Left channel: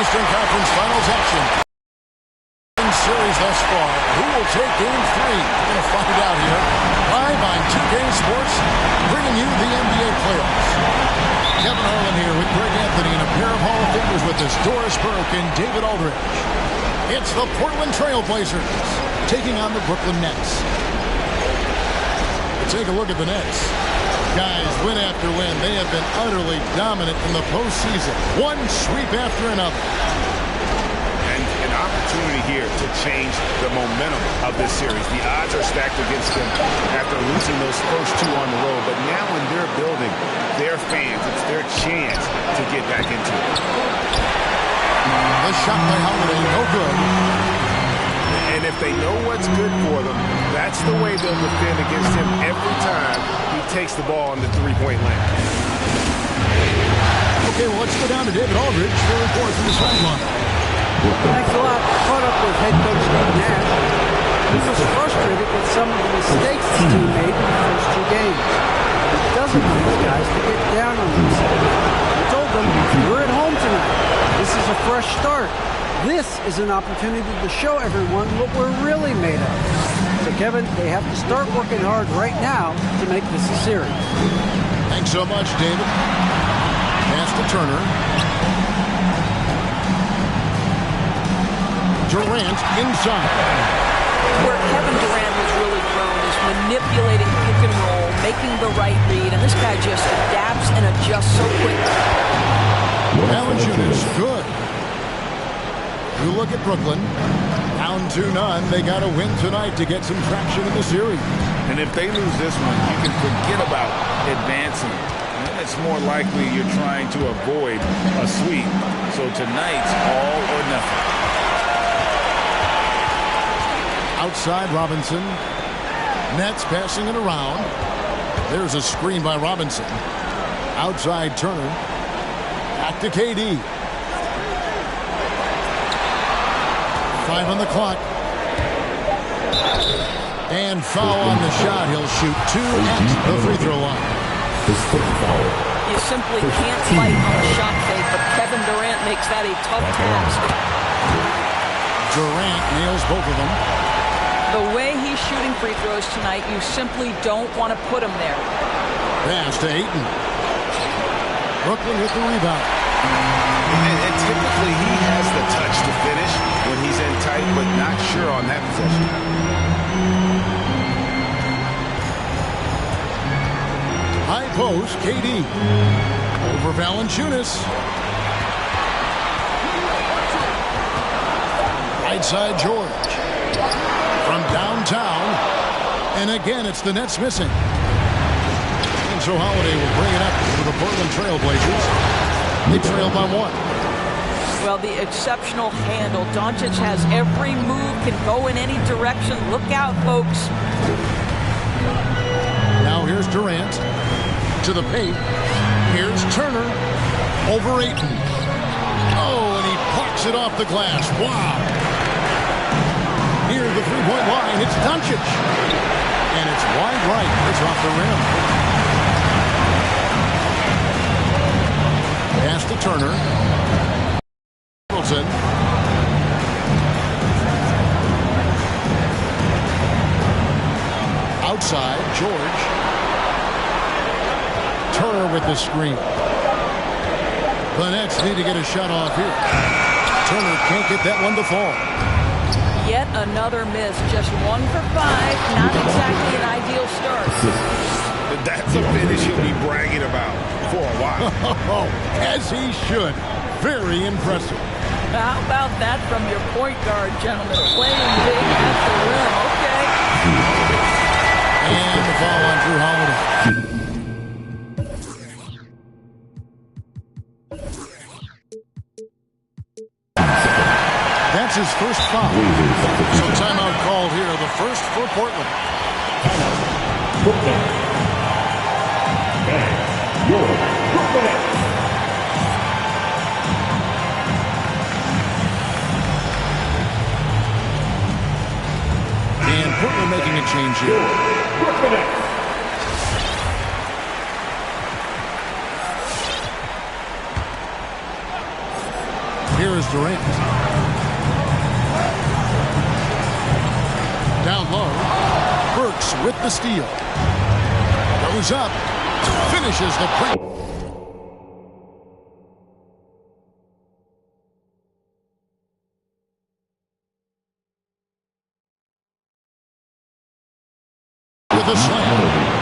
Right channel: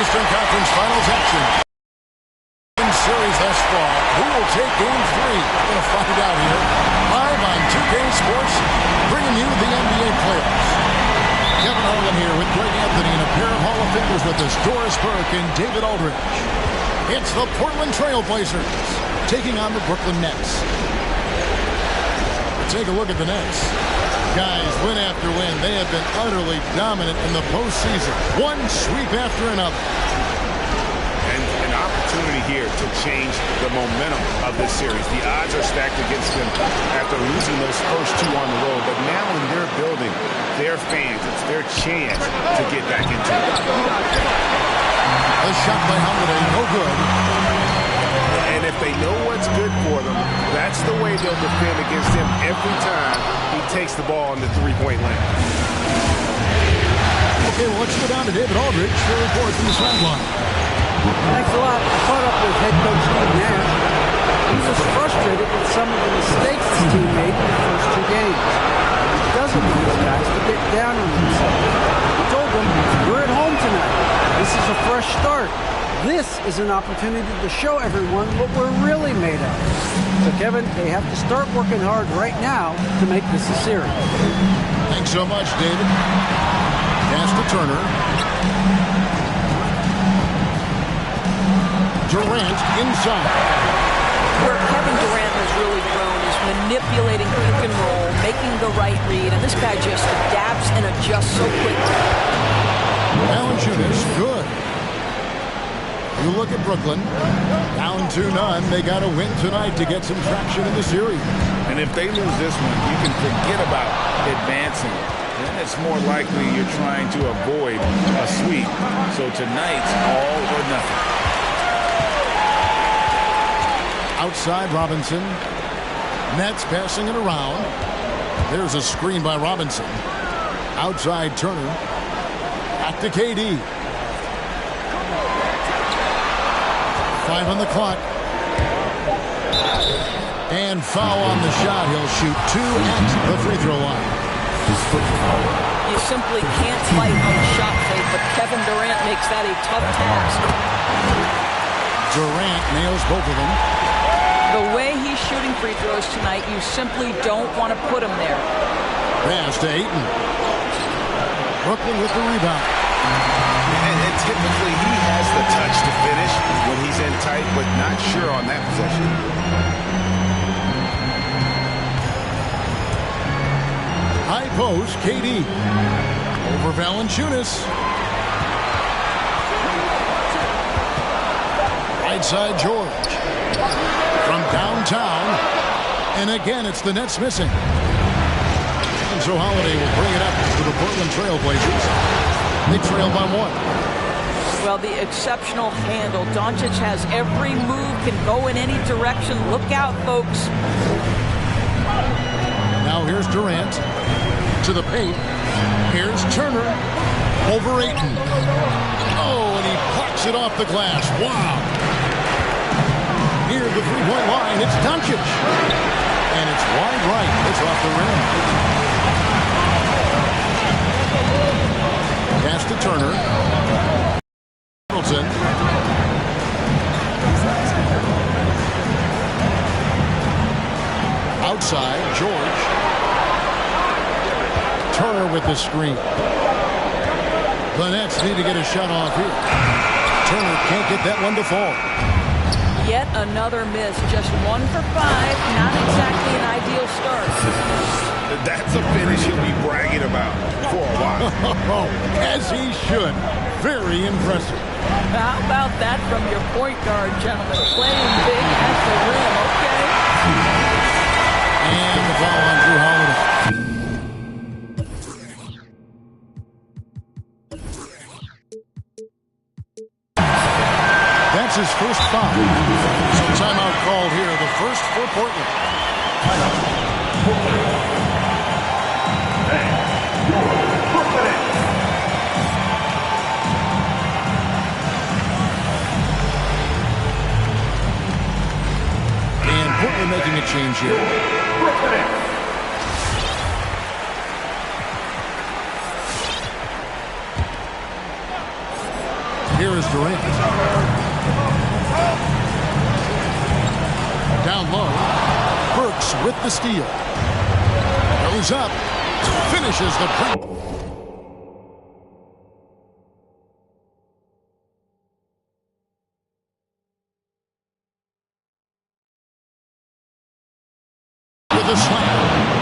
Eastern Conference Finals action. Series thus far. Who will take Game 3? We're going to find out here. Live on 2K Sports, bringing you the NBA playoffs. Kevin Harlan here with Greg Anthony and a pair of Hall of Famers with us, Doris Burke and David Aldridge. It's the Portland Trail Blazers taking on the Brooklyn Nets. Take a look at the Nets. Guys, win after win, they have been utterly dominant in the postseason. One sweep after another. And an opportunity here to change the momentum of this series. The odds are stacked against them after losing those first two on the road. But now in their building, their fans, it's their chance to get back into it. The shot by Holiday, no good. And if they know what's good for them, that's the way they'll defend against him every time he takes the ball in the three-point line. Okay, well, let's go down to David Aldridge for a report from the sideline. Thanks a lot. I caught up with head coach Steve Nash. He was frustrated with some of the mistakes his team made in the first two games. He doesn't want his guys to get down on themselves. He told them, we're at home tonight. This is a fresh start. This is an opportunity to show everyone what we're really made of. So, Kevin, they have to start working hard right now to make this a series. Thanks so much, David. Pass to Turner. Durant inside. Where Kevin Durant has really grown is manipulating pick and roll, making the right read, and this guy just adapts and adjusts so quickly. Valanciunas, good. You look at Brooklyn, down 2-0. They got to win tonight to get some traction in the series. And if they lose this one, you can forget about advancing. Then it's more likely you're trying to avoid a sweep. So tonight's all or nothing. Outside Robinson. Nets passing it around. There's a screen by Robinson. Outside Turner. Back to KD. 5 on the clock. And foul on the shot. He'll shoot 2 at the free throw line. You simply can't fight on the shot fake, but Kevin Durant makes that a tough task. Durant nails both of them. The way he's shooting free throws tonight, you simply don't want to put him there. Pass to Ayton. Brooklyn with the rebound. And typically he has the touch to finish when he's in tight, but not sure on that possession. High post, KD. Over Valanciunas. Right side, George. From downtown. And again, it's the Nets missing. And so Holiday will bring it up for the Portland Trail Blazers. They trail by 1. Well, the exceptional handle. Doncic has every move, can go in any direction. Look out, folks. Now here's Durant to the paint. Here's Turner over Ayton. Oh, and he plucks it off the glass. Wow. Near the three-point line, it's Doncic. And it's wide right. It's off the rim. Pass to Turner. Middleton. Outside, George. Turner with the screen. The Nets need to get a shot off here. Turner can't get that one to fall. Yet another miss. Just 1 for 5. Not exactly an ideal start. That's a finish he'll be bragging about for a while. Oh, as he should. Very impressive. How about that from your point guard, gentlemen? Playing big at the rim. Okay. And the foul on Drew Holiday. That's his first foul. So timeout called here. The first for Portland. Portland. And your Brooklyn Nets. And Portland making a change here. Brooklyn Nets. Here is Durant. Down low. Burks with the steal. Goes up. Finishes the break. With a slam.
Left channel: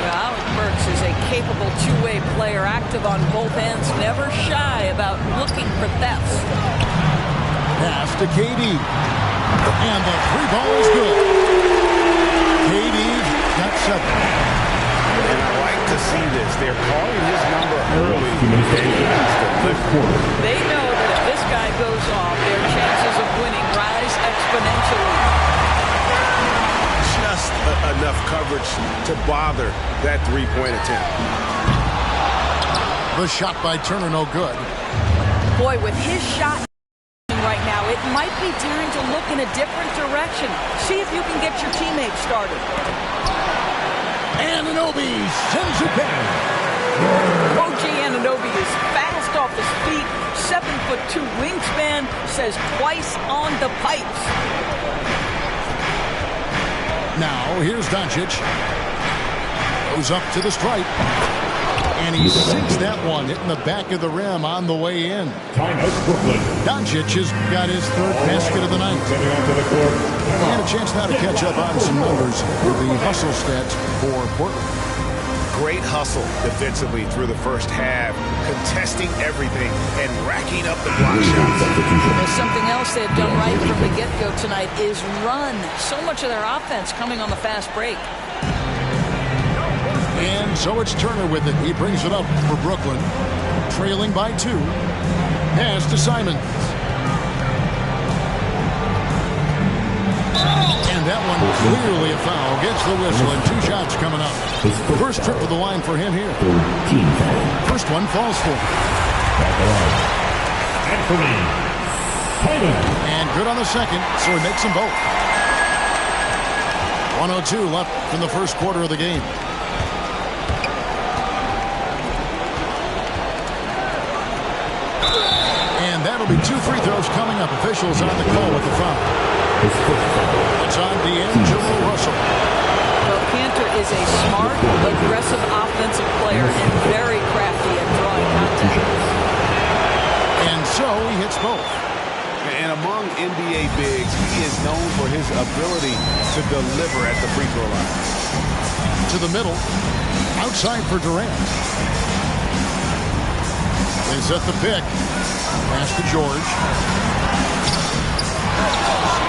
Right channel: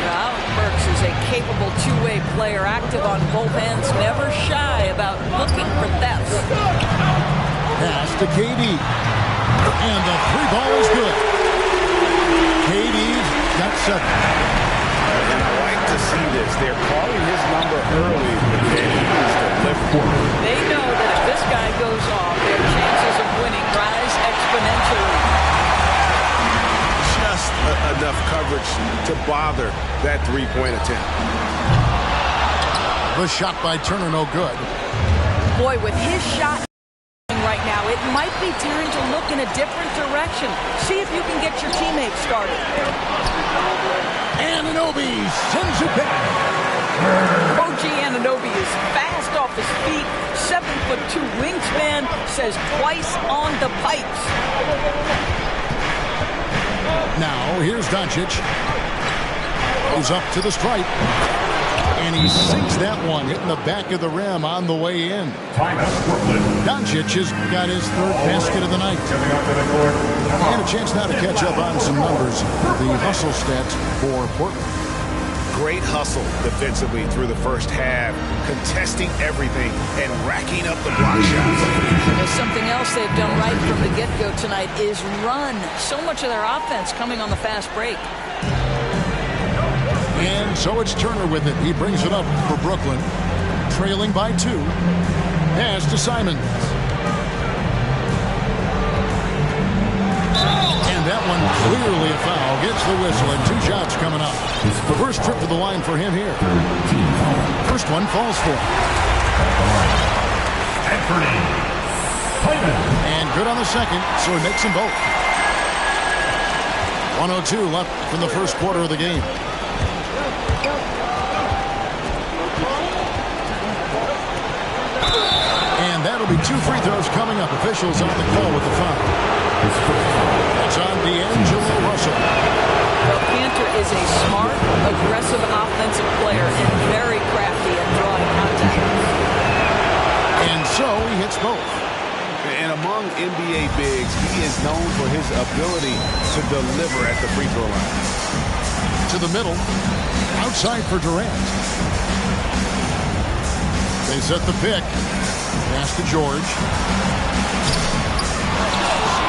Alec Burks is a capable two-way player, active on both ends, never shy about looking for thefts. Pass to KD. And the three ball is good. KD's got 7. And I like to see this. They're calling his number early, and he's delivering. They know that if this guy goes off, their chances of winning rise exponentially. Just enough coverage to bother that three-point attempt. The shot by Turner, no good. Boy, with his shot right now, it might be time to look in a different direction. See if you can get your teammates started. Anunoby sends it back. OG Anunoby is fast off his feet, 7'2" wingspan, says twice on the pipes. Now, here's Doncic. Goes up to the stripe. And he sinks that one, hitting the back of the rim on the way in. Timeout, Brooklyn. Doncic has got his 3rd basket of the night. Coming onto the court. And a chance now to catch up on some numbers with the hustle stats for Portland. Great hustle defensively through the first half, contesting everything and racking up the block shots. There's something else they've done right from the get-go tonight is run. So much of their offense coming on the fast break. And so it's Turner with it. He brings it up for Brooklyn, trailing by 2. Pass to Simons. And that one clearly a foul. Gets the whistle and 2 shots coming up. The first trip to the line for him here. First one falls for him. Anthony Simons. And good on the second, so he makes them both. 1:02 left in the first quarter of the game. And that'll be 2 free throws coming up. Officials on the call with the foul. It's on D'Angelo Russell. Well, Cantor is a smart, aggressive offensive player and very crafty at drawing contact. And so he hits both. And among NBA bigs, he is known for his ability to deliver at the free throw line. To the middle. Outside for Durant. They set the pick. Pass to George.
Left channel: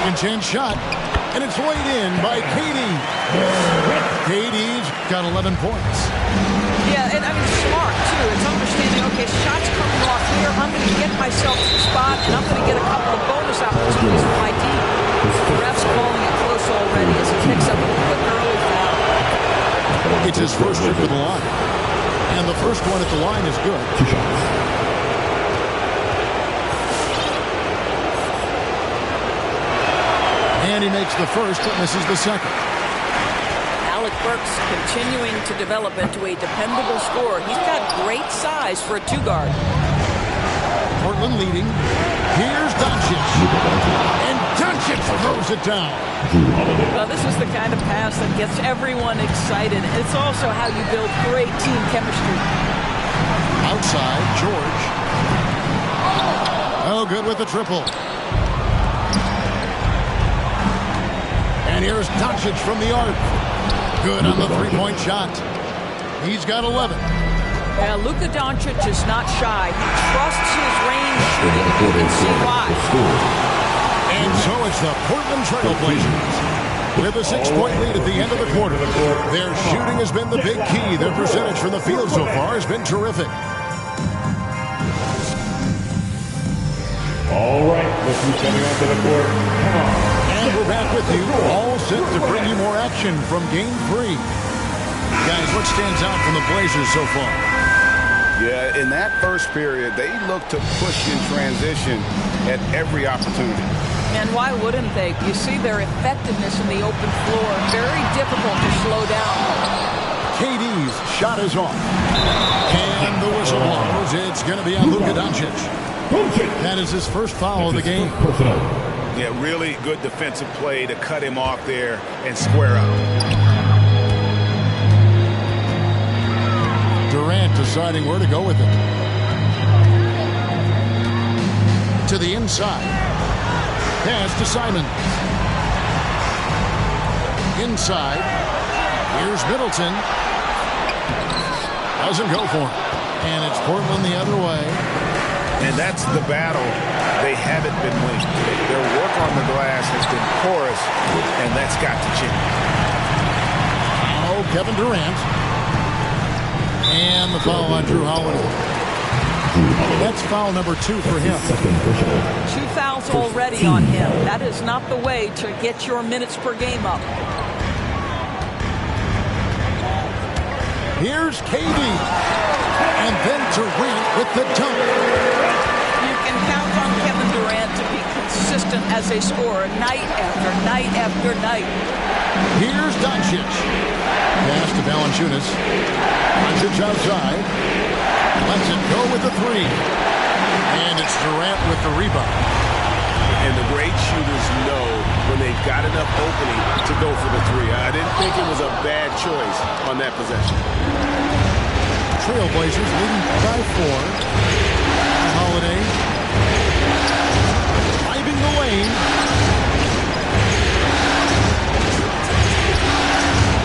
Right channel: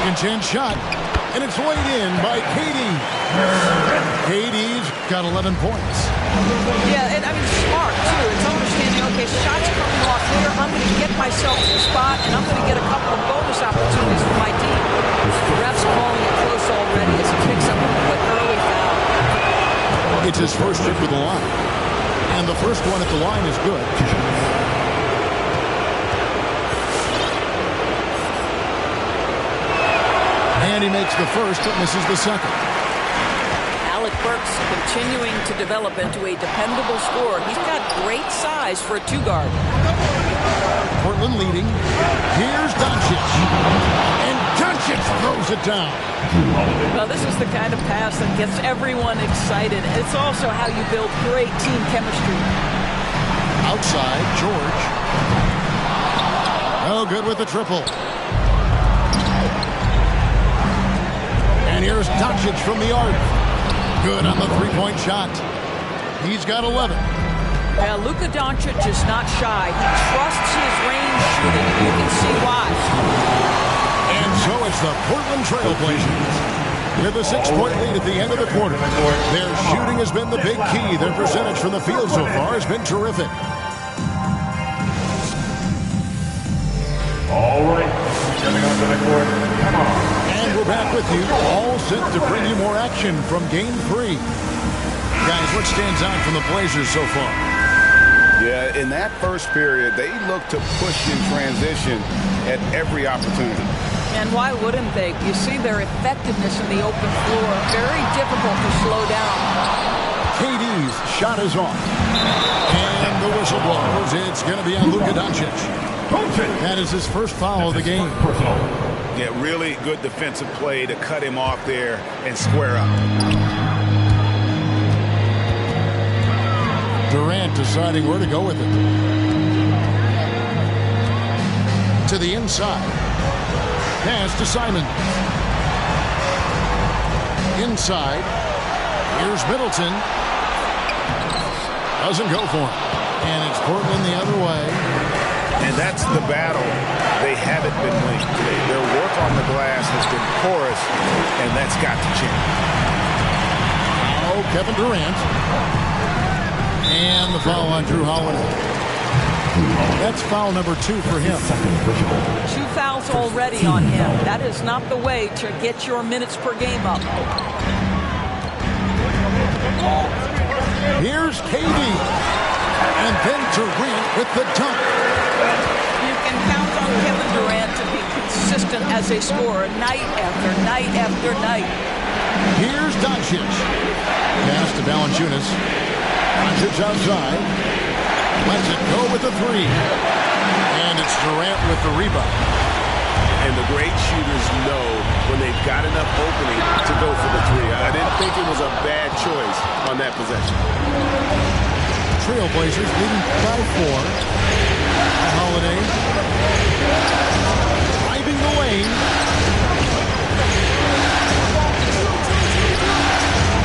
Second chance shot. And it's laid in by KD. KD's got 11 points. Yeah, and I mean, smart, too. It's understanding, okay, shots coming off here. I'm going to get myself to the spot, and I'm going to get a couple of bonus opportunities for my team. The ref's calling it close already as he picks up a quick early foul. It's his first trip to the line. And the first one at the line is good. 2 shots. And he makes the first, but misses the second. Alec Burks continuing to develop into a dependable scorer. He's got great size for a 2-guard. Portland leading. Here's Doncic. And Doncic throws it down. Well, this is the kind of pass that gets everyone excited. It's also how you build great team chemistry. Outside, George. Oh, good with the triple. And here's Doncic from the arc. Good on the 3-point shot. He's got 11. Yeah, Luka Doncic is not shy. He trusts his range shooting, and you can see why. And so it's the Portland Trailblazers with a 6-point lead at the end of the quarter. Their shooting has been the big key. Their percentage from the field so far has been terrific. All right, let's be coming onto the court. Come on. And we're back with you, all set to bring you more action from Game 3. Guys, what stands out from the Blazers so far? Yeah, in that first period, they looked to push in transition at every opportunity. And why wouldn't they? You see their effectiveness in the open floor. Very difficult to slow down. KD's shot is off. And the whistle blows. It's going to be on Luka Doncic. That is his first foul of the game. Personal. Yeah, really good defensive play to cut him off there and square up. Durant deciding where to go with it. To the inside. Pass to Simons. Inside. Here's Middleton. Doesn't go for him. And it's Portland the other way. And that's the battle they haven't been winning today. Their work on the glass has been porous, and that's got to change. Oh, Kevin Durant. And the foul on Drew Holiday. That's foul number 2 for him. 2 fouls already on him. That is not the way to get your minutes per game up. Here's KD. And then Durant with the dunk. You can count on Kevin Durant to be consistent as a scorer night after night after night. Here's Doncic. Pass to Valanciunas. Doncic outside. Lets it go with the 3. And it's Durant with the rebound. And the great shooters know when they've got enough opening to go for the 3. I didn't think it was a bad choice on that possession. Trailblazers leading by 4. Holiday driving the lane.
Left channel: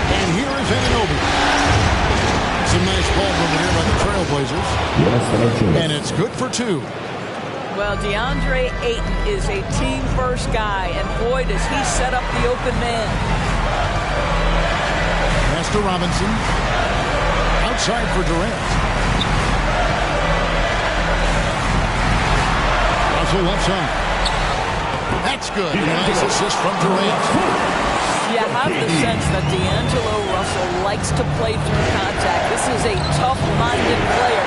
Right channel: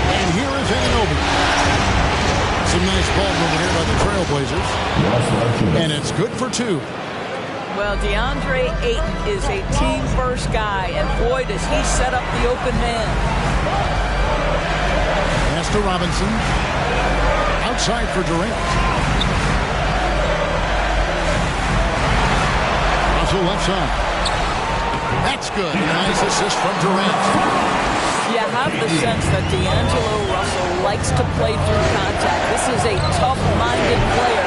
And here is Anunoby. Some nice ball movement here by the Trailblazers. And it's good for 2. Well, DeAndre Ayton is a team-first guy, and boy, does he set up the open man. Pass to Robinson. Outside for Durant. Russell left side. That's good. And a nice assist from Durant. You have the sense that D'Angelo Russell likes to play through contact. This is a tough-minded player.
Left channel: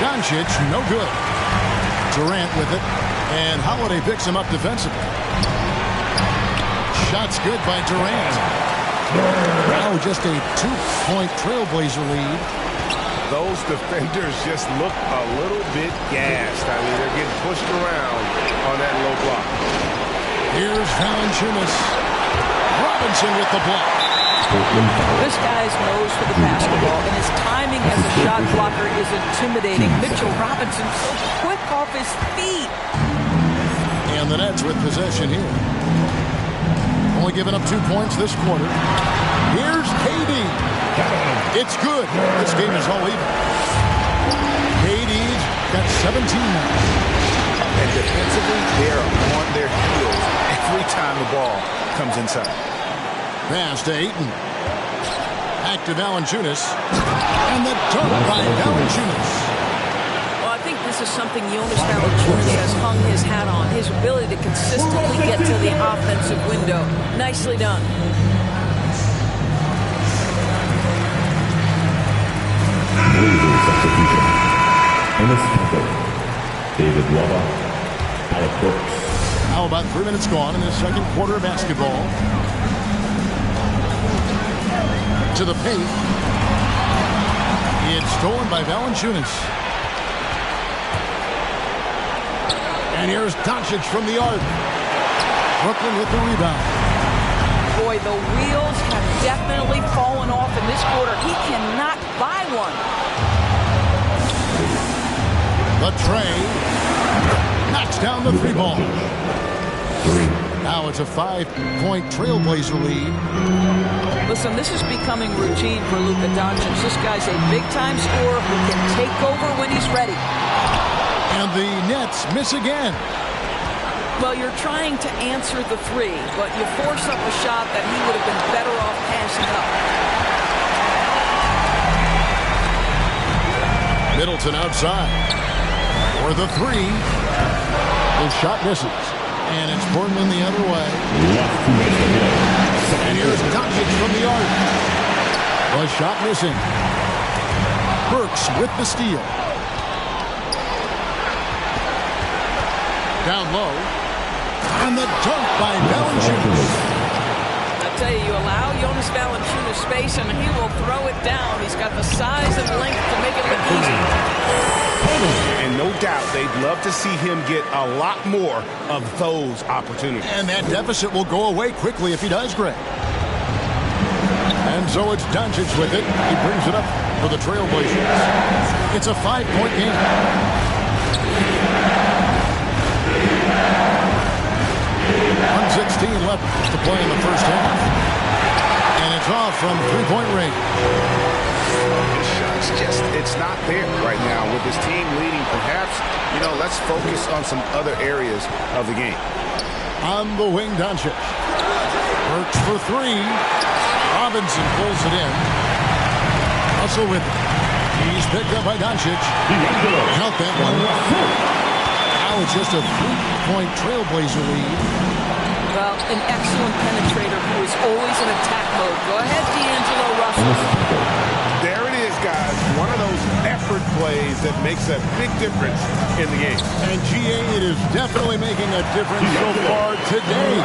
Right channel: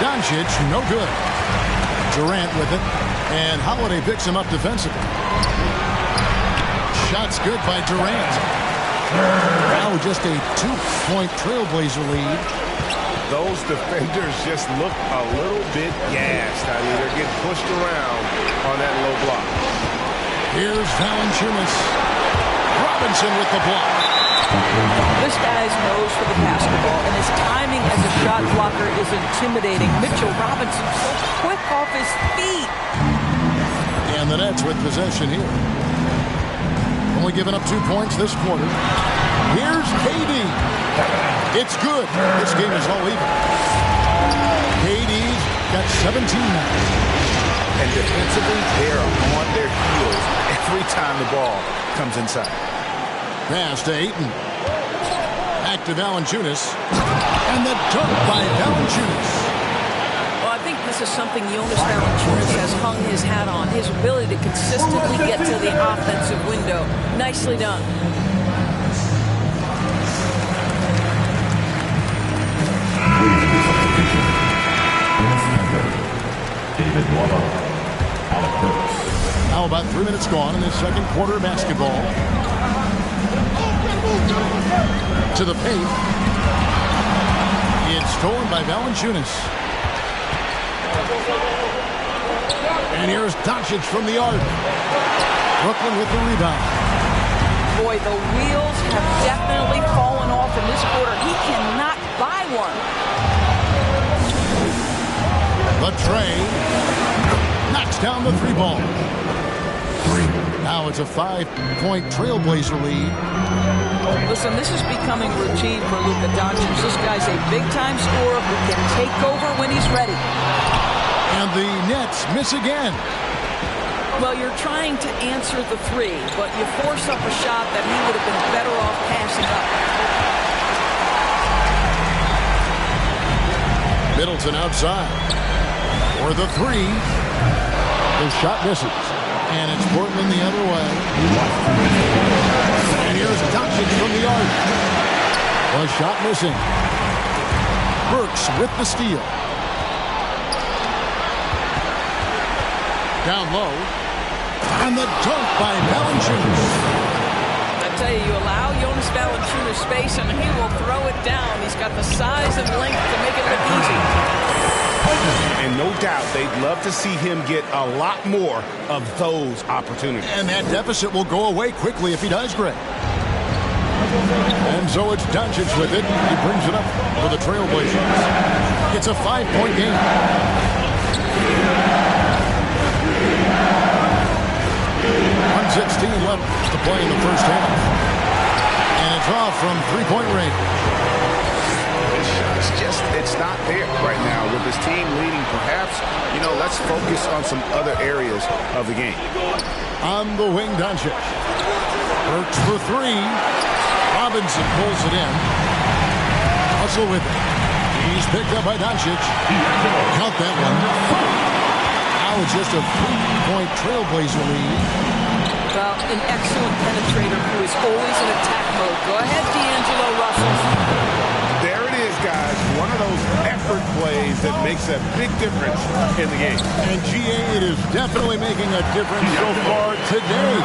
Doncic, no good. Durant with it. And Holiday picks him up defensively. Shot's good by Durant. Now just a 2-point Trailblazer lead. Those defenders just look a little bit gassed. I mean, they're getting pushed around on that low block. Here's Valanciunas. Robinson with the block. This guy's nose for the basketball, and his timing as a shot blocker is intimidating. Mitchell Robinson so quick off his feet. And the Nets with possession here. Only giving up 2 points this quarter. Here's KD. It's good. This game is all even. KD's got 17 now. And defensively, they're on their heels every time the ball comes inside. Pass to Ayton. Back to Valanciunas. And the dunk by Valanciunas. Well, I think this is something Jonas Valanciunas has hung his hat on. His ability to consistently get to the offensive window. Nicely done. Substitution. Ernest Panther. David Wada. Alec Burks. Now about 3 minutes gone in this second quarter of basketball. To the paint. It's stolen by Valanciunas. And here's Doncic from the arc. Brooklyn with the rebound. Boy, the wheels have definitely fallen off in this quarter. He cannot buy one. The tray knocks down the 3 ball. Now it's a 5-point Trailblazer lead. Listen, this is becoming routine for Luka Doncic. This guy's a big-time scorer who can take over when he's ready. And the Nets miss again. Well, you're trying to answer the 3, but you force up a shot that he would have been better off passing up. Middleton outside. For the 3. The shot misses. And it's Portland the other way. And here's Doncic from the arc. The shot missing. Burks with the steal. Down low. And the dunk by Valanciunas. Now tell you, you allow Jonas Valanciunas space and he will throw it down. He's got the size and length to make it look easy. And no doubt they'd love to see him get a lot more of those opportunities. And that deficit will go away quickly if he does, Greg. And so it's Doncic with it. He brings it up for the Trailblazers. It's a 5-point game. .16 left to play in the first half. And it's off from three-point range. His shot's just, it's not there right now. With his team leading, perhaps, let's focus on some other areas of the game. On the wing, Doncic. Burks for three. Robinson pulls it in. Russell with it. He's picked up by Doncic. Count that one. Now it's just a 3-point Trailblazer lead. Well, an excellent penetrator who is always in attack mode. Go ahead, D'Angelo Russell. There it is, guys. One of those effort plays that makes a big difference in the game. And GA, it is definitely making a difference so far today.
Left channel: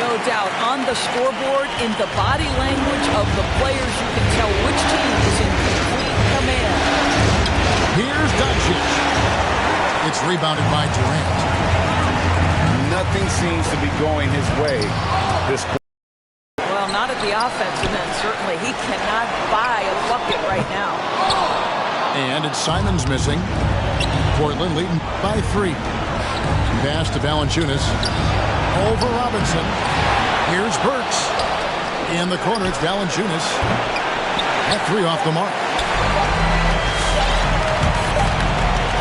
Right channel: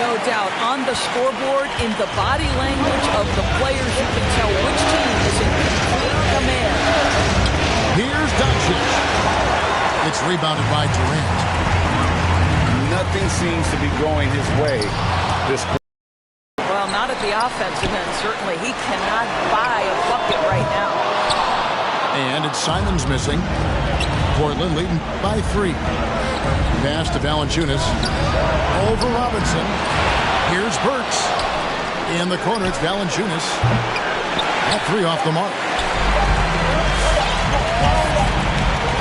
No doubt. On the scoreboard, in the body language of the players, you can tell which team is in complete command. Here's Doncic. It's rebounded by Durant. Nothing seems to be going his way this quarter. Well, not at the offensive end, certainly. He cannot buy a bucket right now. And it's Simons missing. Portland leading by 3. Pass to Valanciunas. Over Robinson. Here's Burks. In the corner, it's Valanciunas. That 3 off the mark.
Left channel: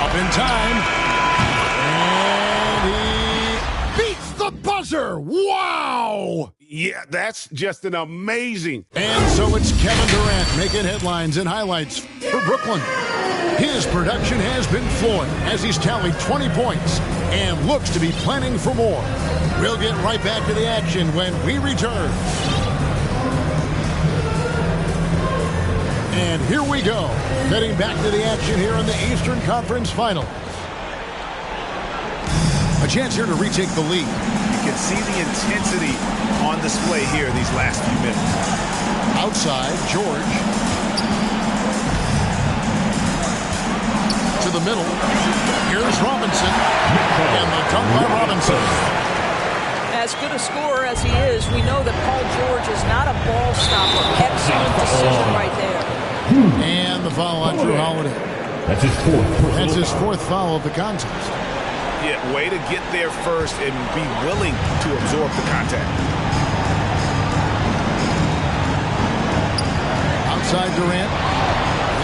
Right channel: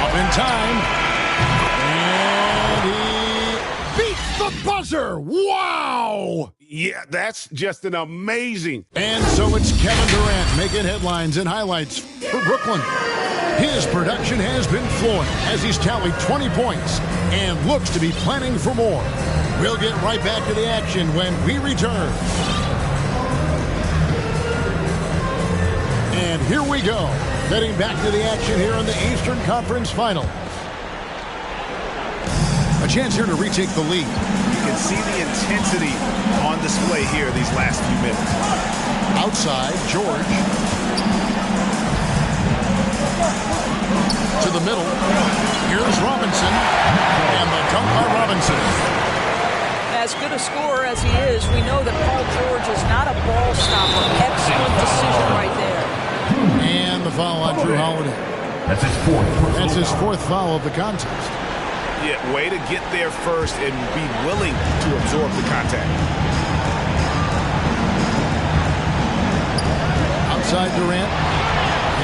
Up in time. And he beats the buzzer. Wow! Yeah, that's just an amazing. And so it's Kevin Durant making headlines and highlights for Brooklyn. His production has been flowing as he's tallied 20 points and looks to be planning for more. We'll get right back to the action when we return. And here we go. Heading back to the action here in the Eastern Conference Final. A chance here to retake the lead. You can see the intensity on display here these last few minutes. Outside, George. To the middle. Here's Robinson. And the dunk by Robinson. As good a scorer as he is, we know that Paul George is not a ball stopper. Excellent decision right there. And the foul on Drew Holiday. That's his fourth. That's his fourth foul of the contest. Yeah, way to get there first and be willing to absorb the contact. Outside Durant.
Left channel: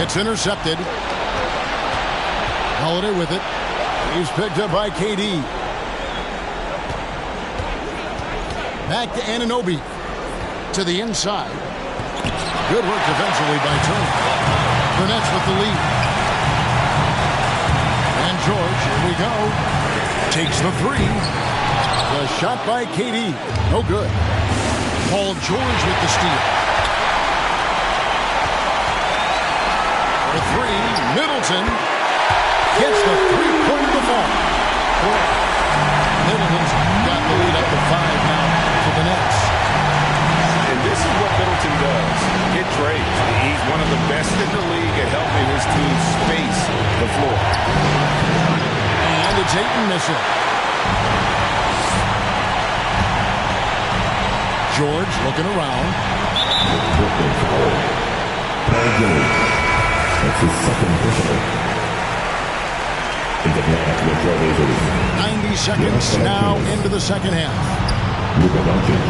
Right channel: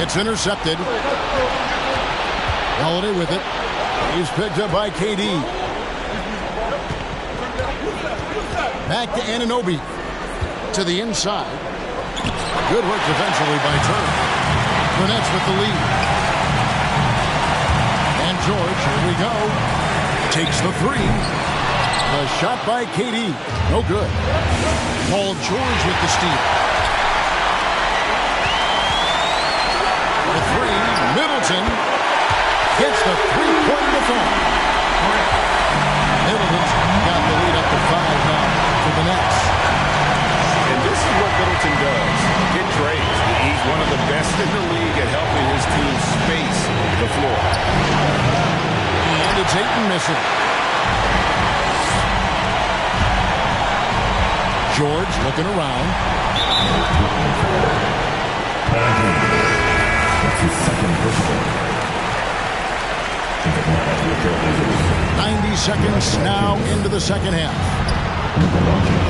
It's intercepted. Holiday with it. He's picked up by KD. Back to Anunoby. To the inside. Good work defensively by Turner. The Nets with the lead. And George, here we go. Takes the 3. The shot by KD. No good. Paul George with the steal. For 3, Middleton gets the 3-point to fall. Middleton's got the lead up to 5 now for the Nets. And this is what Middleton does. Hit trades. He's one of the best in the league at helping his team space the floor. And it's Ayton missing. George looking around. That's his second personal. 90 seconds now into the second half. Luka Doncic.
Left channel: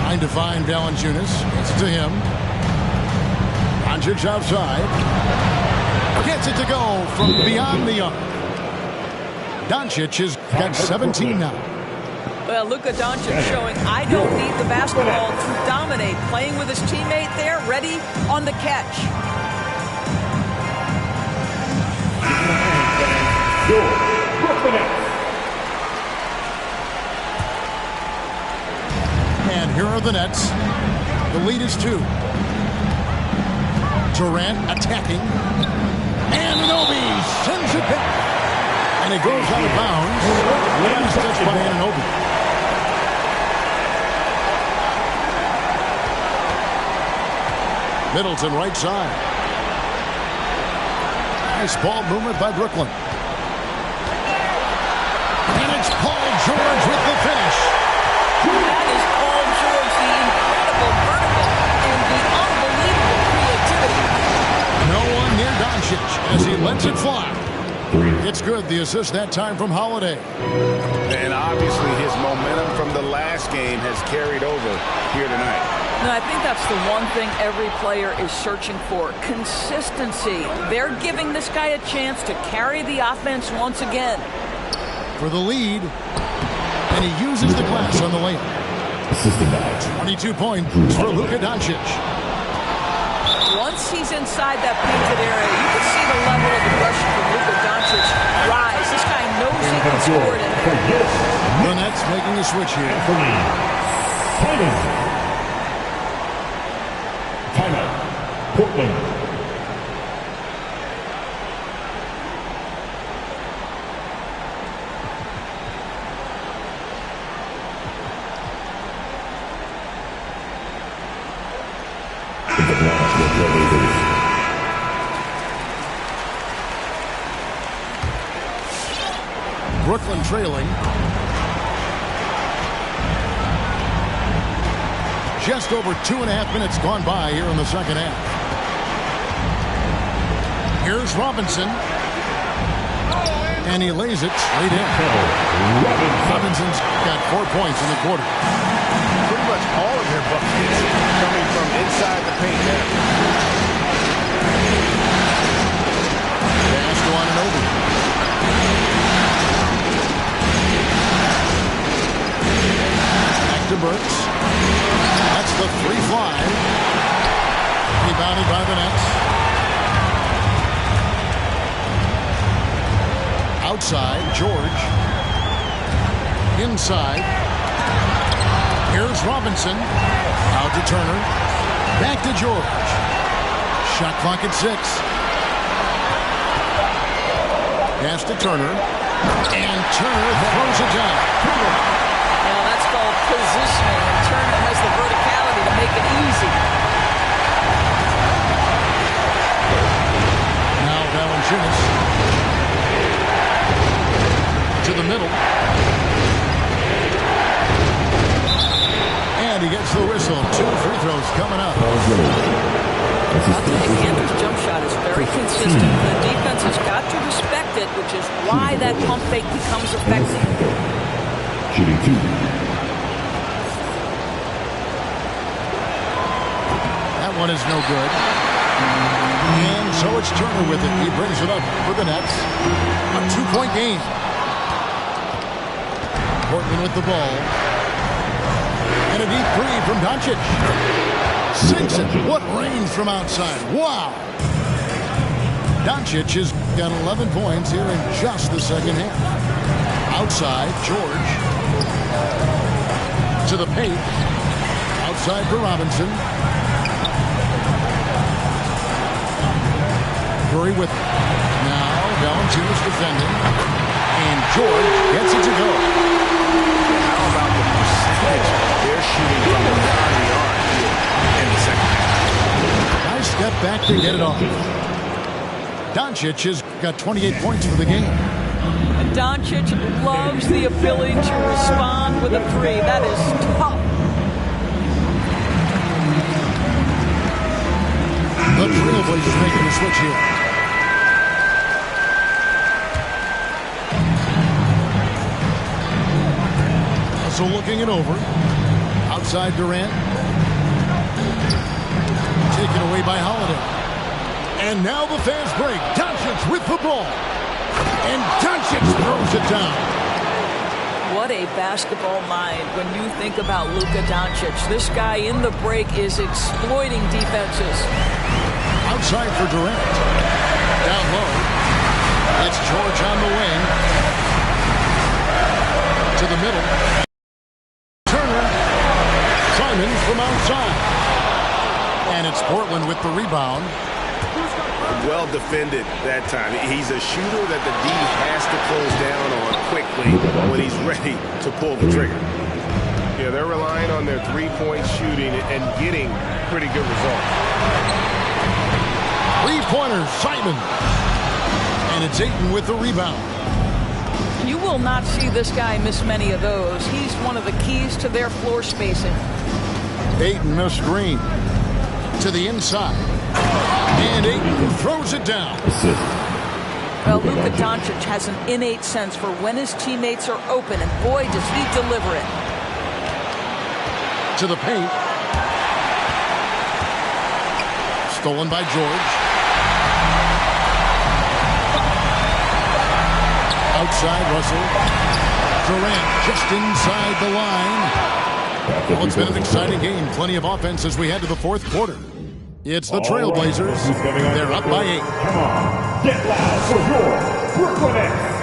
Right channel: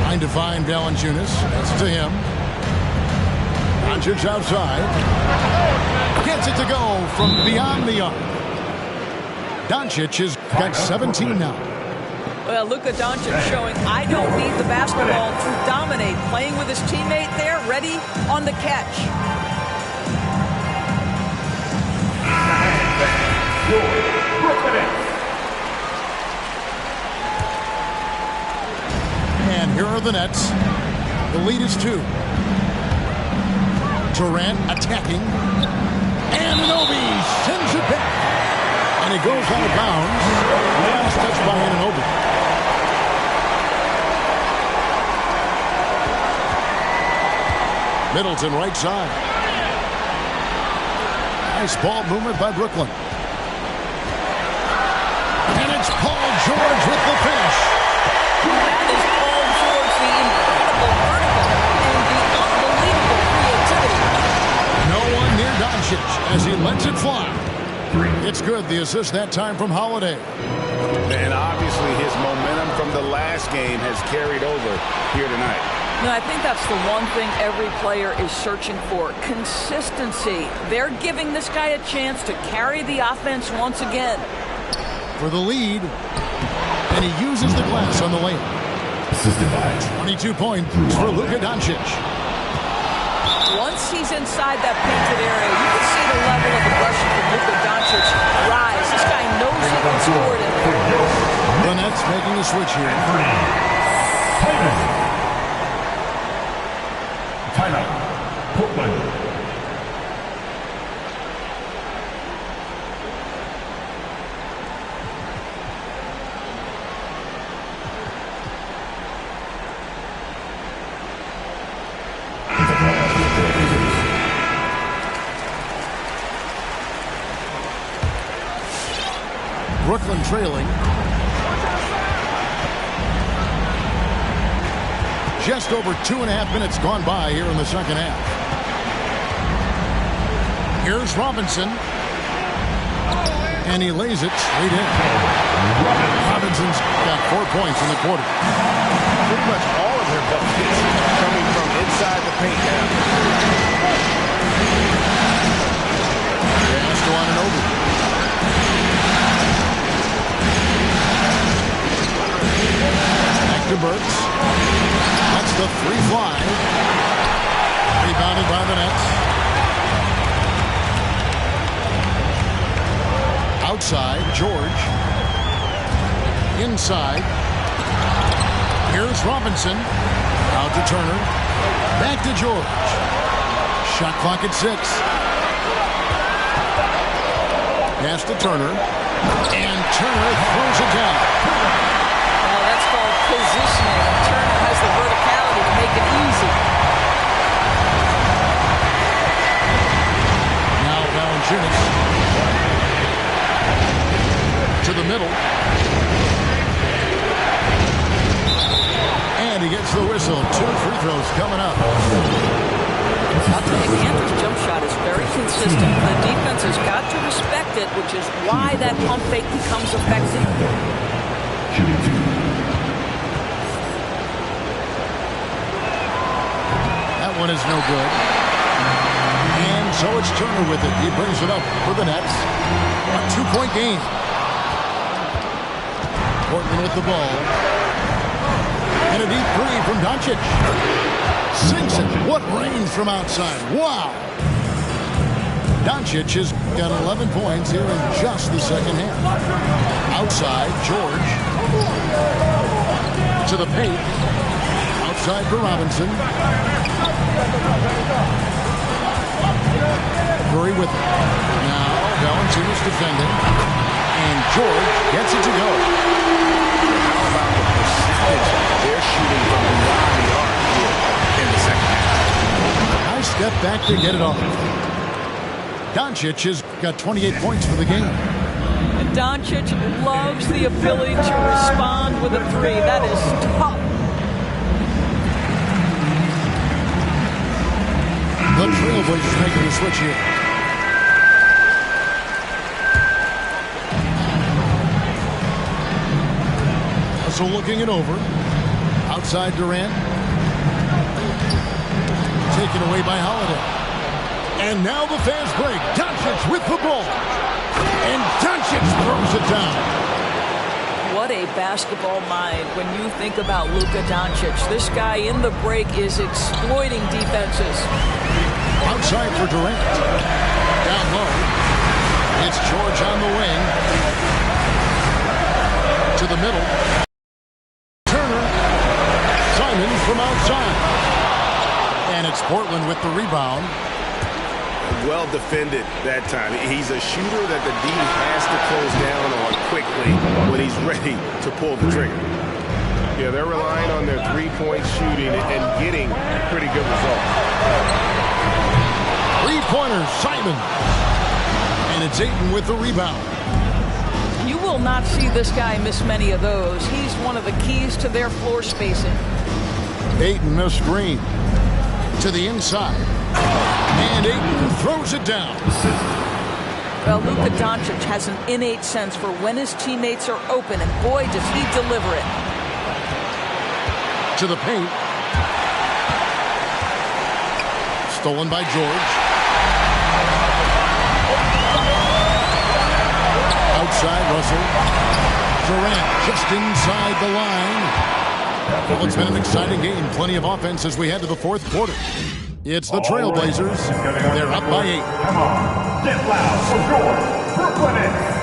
Trying to find Valanciunas. That's to him. Doncic outside. Gets it to go from beyond the arc. Doncic has got 17 now. Well, Luka Doncic showing I don't need the basketball to dominate. Playing with his teammate there, ready on the catch. And here are the Nets. The lead is 2. Durant attacking. Anunoby sends it back. And it goes out of bounds. Last touch by Anunoby. Middleton right side. Nice ball movement by Brooklyn. And it's Paul George with the finish. That is Paul George, the incredible vertical and the unbelievable creativity. No one near Doncic as he lets it fly. 3. It's good, the assist that time from Holiday. And obviously his momentum from the last game has carried over here tonight. No, I think that's the one thing every player is searching for, consistency. They're giving this guy a chance to carry the offense once again. For the lead, and he uses the glass on the layup. Assisted by 22 points for Luka Doncic. Once he's inside that painted area, you can see the level of aggression from Luka Doncic rise. This guy knows he can score it in there. The Nets making a switch here. Timeout. Portland. Brooklyn trailing. Just over 2.5 minutes gone by here in the second half. Here's Robinson. And he lays it straight in. Robinson's got 4 points in the quarter. Pretty much all of their buckets coming from inside the paint now. Pass to Anunoby. To Burks. That's the 3 fly. Rebounded by the Nets. Outside, George. Inside. Here's Robinson. Out to Turner. Back to George. Shot clock at 6. Pass to Turner. And Turner throws it down. Now that's called positioning, and Turner has the verticality to make it easy. Now Valanciunas to the middle. And he gets the whistle. 2 free throws coming up. I'll tell you, Cantor's jump shot is very consistent. The defense has got to respect it, which is why that pump fake becomes effective. Shooting 2. That one is no good. And so it's Turner with it. He brings it up for the Nets. A 2-point game. Portland with the ball. And a deep 3 from Doncic. Sinks it. What range from outside. Wow. Doncic has got 11 points here in just the second half. Outside, George. To the paint. Outside for Robinson. Curry with it. Now, Valanciunas defending. And George gets it to go. Yeah, how about the percentage they're shooting from beyond the arc here in the second half? Nice step back to get it off. Doncic has got 28 points for the game. And Doncic loves the ability to respond with a 3. That is tough. The Trailblazers making the switch here. So looking it over. Outside Durant. Taken away by Holiday. And now the fast break. Doncic with the ball. And Doncic throws it down. What a basketball mind when you think about Luka Doncic. This guy in the break is exploiting defenses. Outside for Durant. Down low. It's George on the wing. To the middle. Turner. Simons from outside. And it's Portland with the rebound. Well defended that time. He's a shooter that the D has to close down on quickly when he's ready to pull the trigger. Yeah, they're relying on their three-point shooting and getting pretty good results. Three-pointer, Simon. And it's Ayton with the rebound. You will not see this guy miss many of those. He's one of the keys to their floor spacing. Ayton missed Green to the inside. And Ayton throws it down. Assist. Well, Luka Doncic has an innate sense for when his teammates are open, and boy, does he deliver it. To the paint. Stolen by George. Outside Russell. Durant just inside the line. Well, it's been an exciting game. Plenty of offense as we head to the fourth quarter. It's the Trailblazers. They're up by 8. Come on, get loud for your Brooklyn Nets.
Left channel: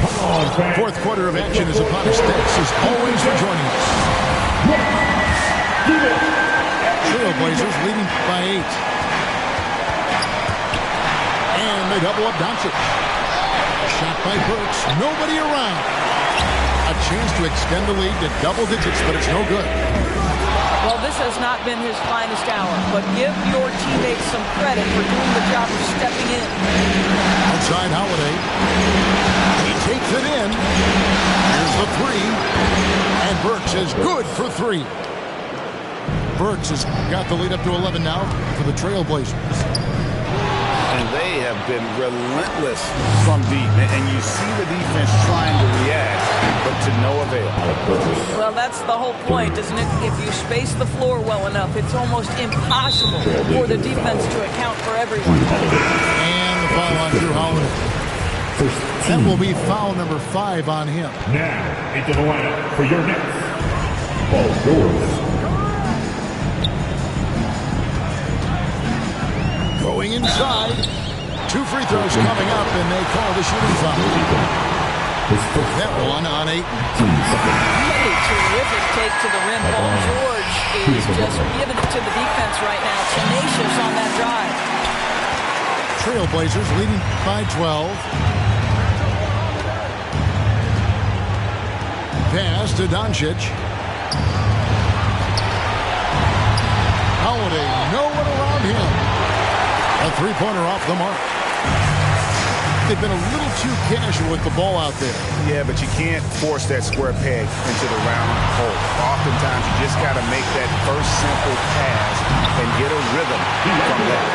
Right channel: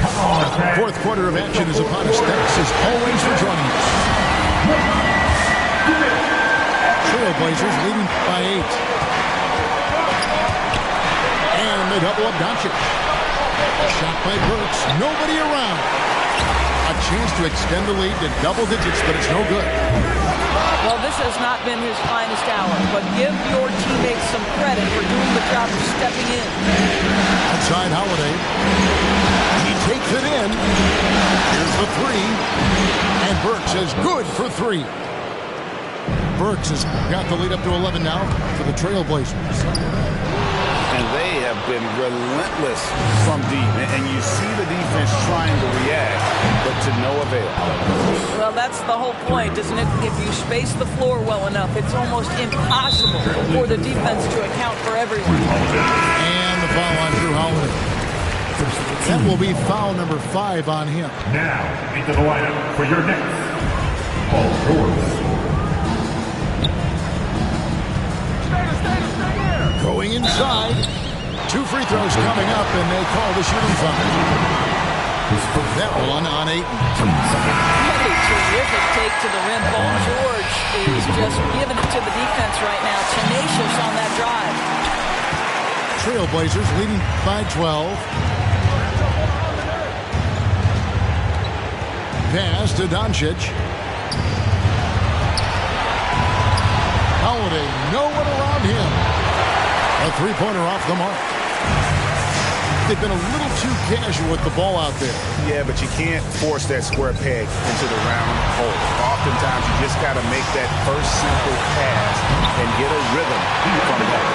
Come on, fans. Fourth quarter of action is upon us. Thanks as always for joining us. Give it. Trailblazers leading by 8. And they double up Doncic. Shot by Burks. Nobody around. A chance to extend the lead to double digits, but it's no good. Well, this has not been his finest hour, but give your teammates some credit for doing the job of stepping in. Outside Holiday. He takes it in. Here's the 3. And Burks is good for 3. Burks has got the lead up to 11 now for the Trailblazers. And they have been relentless from deep. And you see the defense trying to react, but to no avail. Well, that's the whole point, isn't it? If you space the floor well enough, it's almost impossible for the defense to account for everyone. And the foul on Drew Holiday. That will be foul number 5 on him. Now into the lineup for your next Paul George. Going inside. 2 free throws coming up, and they call the shooting foul. That one on 8. What a terrific take to the rim. Paul George is just giving it to the defense right now. Tenacious on that drive. Trailblazers leading by 12. Pass to Doncic. Holiday, no one around him. A three-pointer off the mark. They've been a little too casual with the ball out there. Yeah, but you can't force that square peg into the round hole. Oftentimes, you just got to make that first simple pass and get a rhythm from that.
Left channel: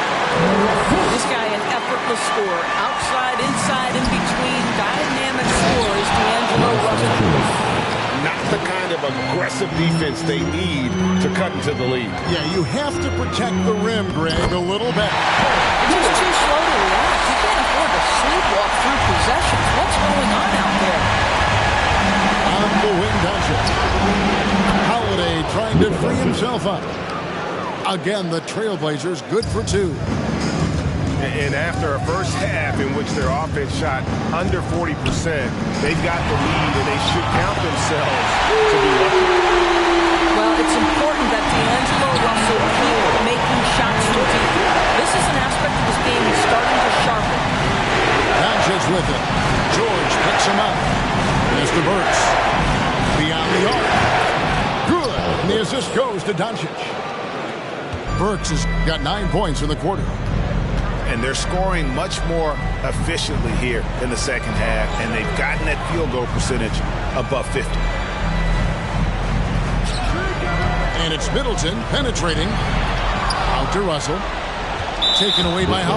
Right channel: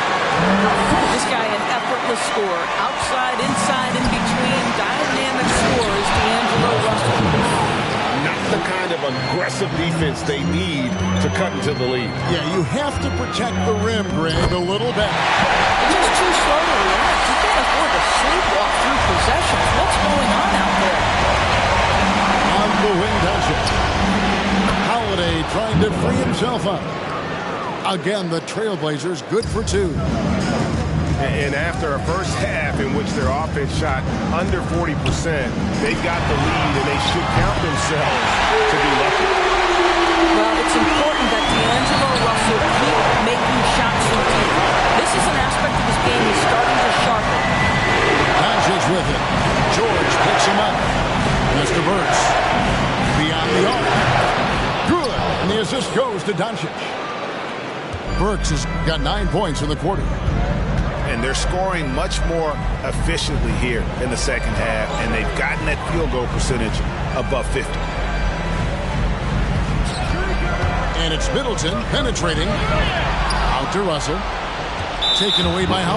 This guy, an effortless scorer. Outside, inside, in between. Dynamic scores, D'Angelo Russell. Not the kind of aggressive defense they need to cut into the lead. Yeah, you have to protect the rim, Greg, a little better. They're just too slow to react. You can't afford to sleepwalk through possessions. What's going on out there? On the wing, Doncic. Holiday trying to free himself up. Again, the Trailblazers good for 2. And after a first half in which their offense shot under 40%, they've got the lead, and they should count themselves to be lucky. Well, it's important that D'Angelo Russell keep making shots from deep. This is an aspect of his game he's starting to sharpen. Doncic with it. George picks him up. Mr. Burks. Beyond the arc. Good. And the assist goes to Doncic. Burks has got 9 points in the quarter. And they're scoring much more efficiently here in the second half, and they've gotten that field goal percentage above 50. And it's Middleton penetrating. Out to Russell. Taken away by Howard.